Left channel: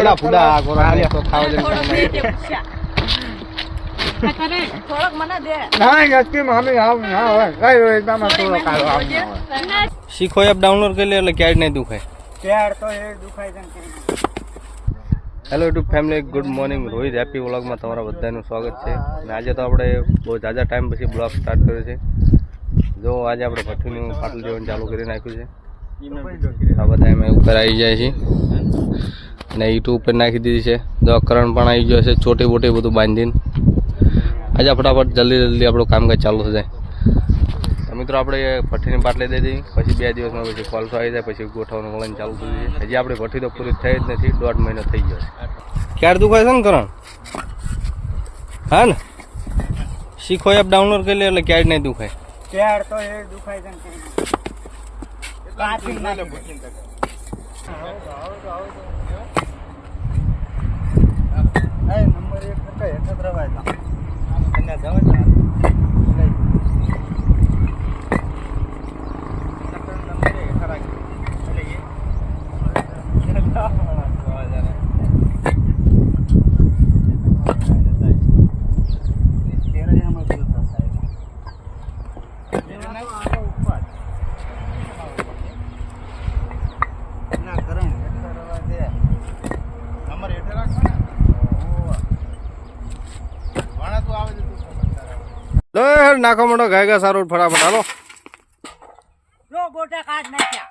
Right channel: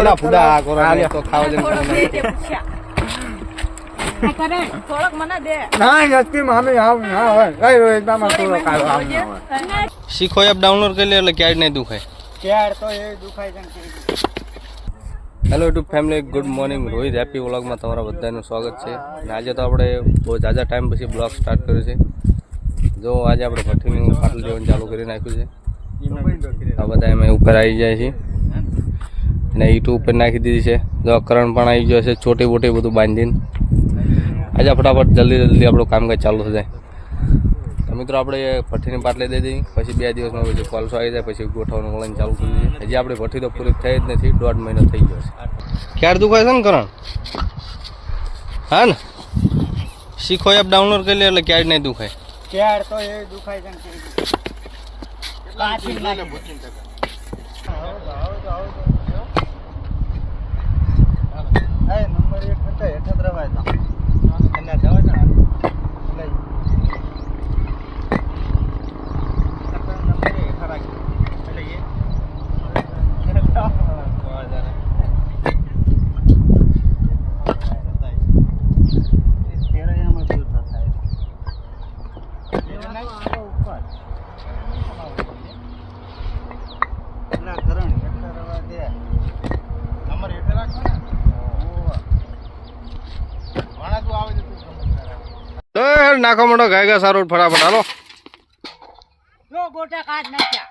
એલા ફુડા કોરા તો ખાવા જન થોડોક મને દે ના નક્કી મામી આવ ના હોય કઈ હોય એકદમ થોડો કાળો આવ ના હોય શીખો એપ ડાઉનલોડ કરી લે એટલે ક્યાંય નહીં દુખાય. ક્યાર તો એ દુખાય છે. Hello YouTube family, good morning. Rohit happy વ્લોગમાં તમારા બધાનું સ્વાગત છે. અને આજે તો આપણે બહુ ઝાઝા ટાઈમ પછી બ્લોગ સ્ટાર્ટ કર્યો છે. જો આજે આપણે ભઠ્ઠીનું પાટલું લેવાનું ચાલુ કરી નાખ્યું છે. આ બધા અમે ઉપર આવી જાય છે અને ઈટ ઉપર નાખી દીધી છે. જો કરણ પણ આવી ગયો છે, ચોટી બોટી બધું બાંધીને. આજે ફટાફટ જલ્દી આપણું કામકાજ ચાલુ થઈ જાય. તો મિત્રો આપણે ભઠ્ઠીની પાટલી દઈ દઈએ, પછી 2 દિવસમાં પછી કોલસો આવી જાય, પછી ગોઠવવાનું વળન ચાલુ થઈ જાય. હજી આપણે ભઠ્ઠી તો પૂરી થઈ જ નથી, 1.5 મહિનો થઈ ગયો છે. ક્યારે દુખાય છે ને કરણ? હા ને, શીખો એપ ડાઉનલોડ કરી લે એટલે ક્યાંય નહીં દુખાય. ક્યાર તો એ દુખાય છે. કાચી ના નંબર 1 હતા હેઠળ રવાય હતા અને જવા છે લઈ નંબર 1 ખરા એટલે એ નાખો મોટો ગાયગા સારું ફટાફટ હાલો. જો ગોટા કાઢ નાખ્યા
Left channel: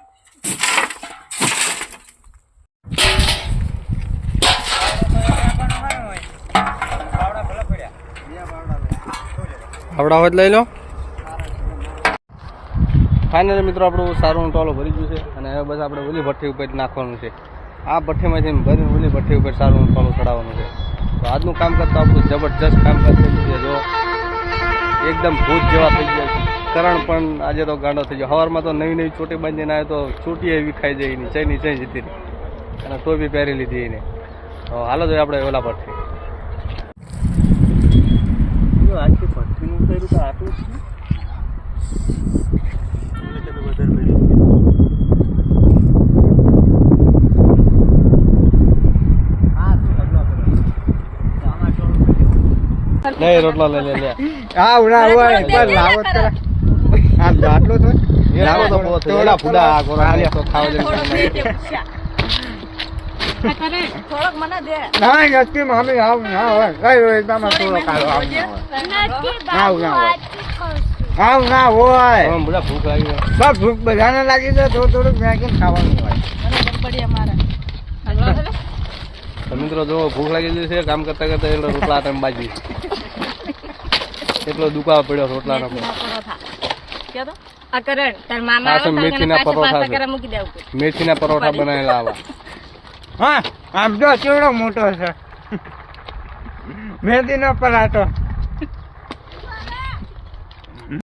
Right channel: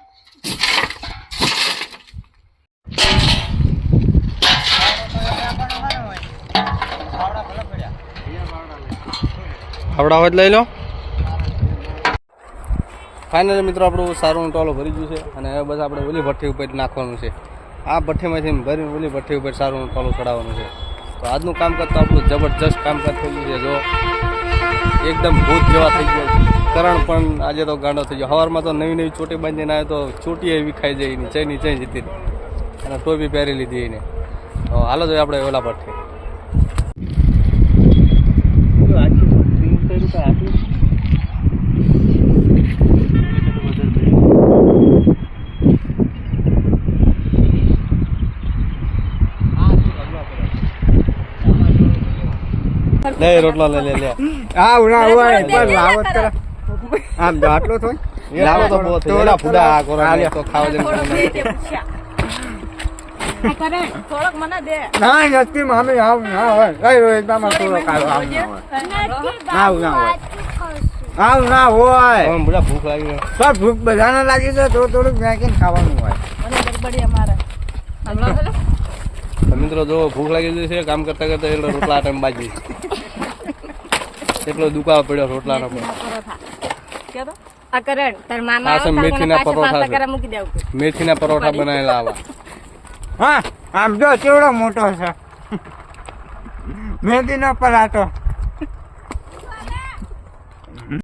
આવડા હોય લઈ લો. ફાઇનલી મિત્રો આપણું સારું ટોલો ભરી ગયું છે અને હવે બસ આપણે ઓલી ભઠ્ઠી ઉપર નાખવાનું છે. આ ભઠ્ઠીમાંથી ભરીને ઓલી ભઠ્ઠી ઉપર સારું ટોલું ચડાવવાનું છે. તો આજનું કામકાજ તો આપણું જબરજસ્ત કામકાજ થઈ ગયું છે. જો એકદમ ભૂત જેવા થઈ ગયા છે. કરણ પણ આજે તો ગાંડો થઈ ગયો. સવારમાં તો નવી ચોટી બાંધીને આવ્યો તો ચોટી વિખાઈ જાય એની ચઈની ચઈ જતી રહી અને ટોપી પહેરી લીધી એને. તો હાલો જોઈએ આપણે ઓલા ભઠ્ઠી. લે રોટલો લે હા ઉના હોય બસ લાવત કરા આમ જાટલો તો લાવો તો બહુ એલા ફુડા કોરા તો ખાવા જન થોડોક મને દે ના નક્કી મામી આવ ના હોય કઈ હોય એકદમ થોડો કાળો આવ ના હોય આવ ના હોય બધા ભૂખ લાગી ગઈ. બસ ભૂખ બધાને લાગી જાય તો થોડુંક મેકીને ખાવાનું હોય. તો મિત્રો જો ભૂખ લાગી ગઈ છે, કામ કરતા કરતા એટલે રોટલા ટાઈમ બાજી એટલો દુખાવો પડ્યો રોટલાનો. મેથીના પરોઠા છે, મેથીના પરોઠા બનાવેલા આવા. હા આમ જો કેવડો મોટો છે મેથીનો પરાઠો.